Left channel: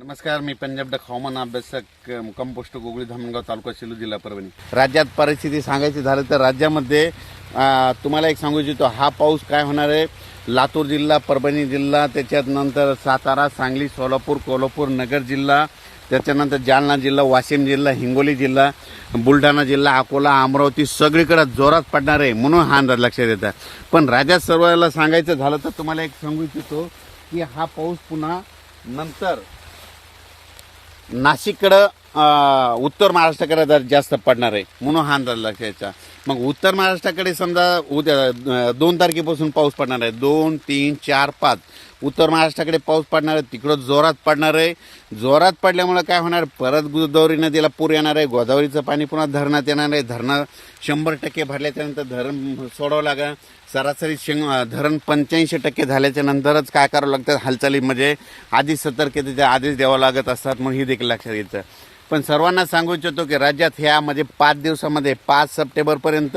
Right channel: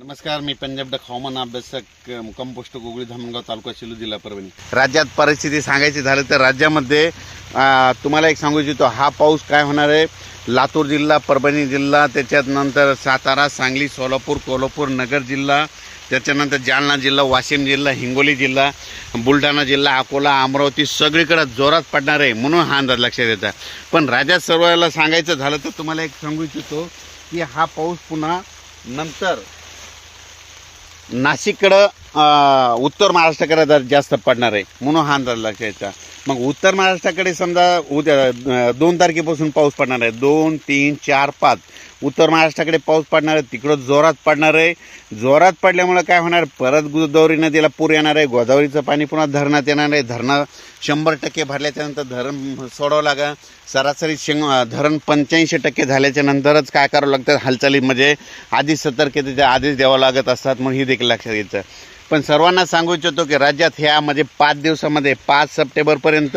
नमस्कार मी पंजाब डक हवामान अभ्यासक अ, मुक्काम पोस्ट गोगळी धामणगाव तालुका शिलू जिल्हा परभणी. राज्यात परिस्थिती सांगायची झालं तर राज्यामध्ये तुम्हाला एक सांगू इच्छितो हा पाऊस काय होणार आहे? लातूर जिल्हा परभणी जिल्हा त्याच्यात नंतर सातारा सांगली सोलापूर कोल्हापूर नगर जिल्हा त्याच्यानंतर जालना जिल्हा वाशिम जिल्हा हिंगोली जिल्हा बुलढाणा जिल्हा अकोला अमरावती सगळीकडे जोरात पडणार आहे म्हणून हा अंदाज लक्षात येतात पण राज्यात सर्वाला सांगायचं झालं तर तुम्हाला एक सांगू इच्छितो की हा पाऊस पुन्हा नंतर नाशिककडं उत्तर महाराष्ट्राकडे जर जास्त पडणार आहे म्हणून हा अंदाज लक्षात यायचा मग उत्तर महाराष्ट्राकडे समजा उद्या दोन तारखेपासून पाऊस पडणार आहे. दोन तीन चार पाच. उत्तर महाराष्ट्राकडे पाऊस पडणार आहे तिकडं जोरात पडणार आहे. जोरात पडल्यामुळं काय होणार? परत गोदावरी नदीला पूर येणार आहे गोदावरीचं पाणी पुन्हा धरणात येणार आहे. धरणं शंभर टक्के भरल्याच्यानंतर धरण सोडावं लागेल. सरासरी शेंग धरण पंच्याऐंशी टक्के झाल्याच्या नंतरच काय करावं लागतं? हालचाली म्हणजे आधीच सतर्कतेच्या आधीच द्यावं लागत असतात मग ही देखील लक्षात येतं. पण सर्वांना सांगू इच्छितो की राज्यात ह्या म्हणजे पाच दिवसामध्ये पाच सप्टेंबरपर्यंत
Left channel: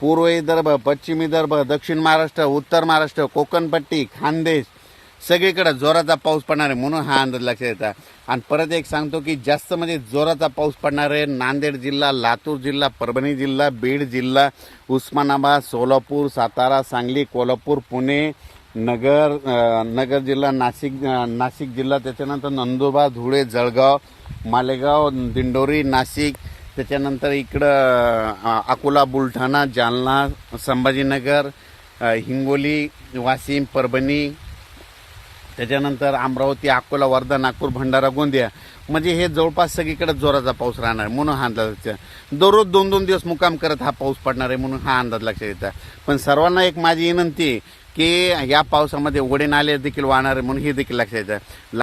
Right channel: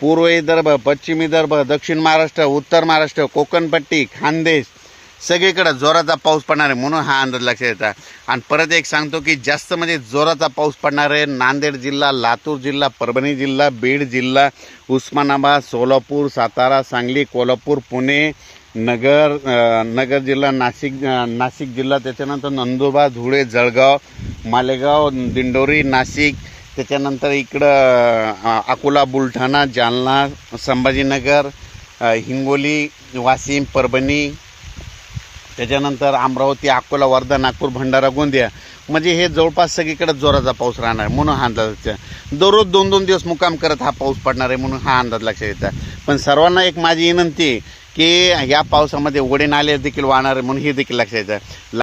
पूर्व विदर्भ पश्चिम विदर्भ दक्षिण महाराष्ट्र उत्तर महाराष्ट्र कोकणपट्टी खानदेश सगळीकडं जोराचा पाऊस पडणार आहे म्हणून हा अंदाज लक्षात येतात आणि परत एक सांगतो की जास्त म्हणजे जोराचा पाऊस पडणार आहे नांदेड जिल्हा लातूर जिल्हा परभणी जिल्हा बीड जिल्हा उस्मानाबाद सोलापूर सातारा सांगली कोल्हापूर पुणे नगर नगर जिल्हा नाशिक नाशिक जिल्हा त्याच्यानंतर नंदुरबार धुळे जळगाव मालेगाव दिंडोरी नाशिक त्याच्यानंतर इकडं अकोला बुलढाणा जालना संभाजीनगर हिंगोली वाशिम परभणी त्याच्यानंतर अमरावती अकोला वर्धा नागपूर भंडारा गोंदिया. म्हणजे हे जवळपास सगळीकडे जोराचा पाऊस राहणार आहे म्हणून हा अंदाज आहे. दररोज दोन दोन दिवस मुक्काम करत हा पाऊस पडणार आहे म्हणून हा अंदाज लक्षात येतात पण सर्वांना एक माझी विनंती की या पावसामध्ये ओढे नाले देखील वाहणार आहे म्हणून हे देखील लक्षात येतं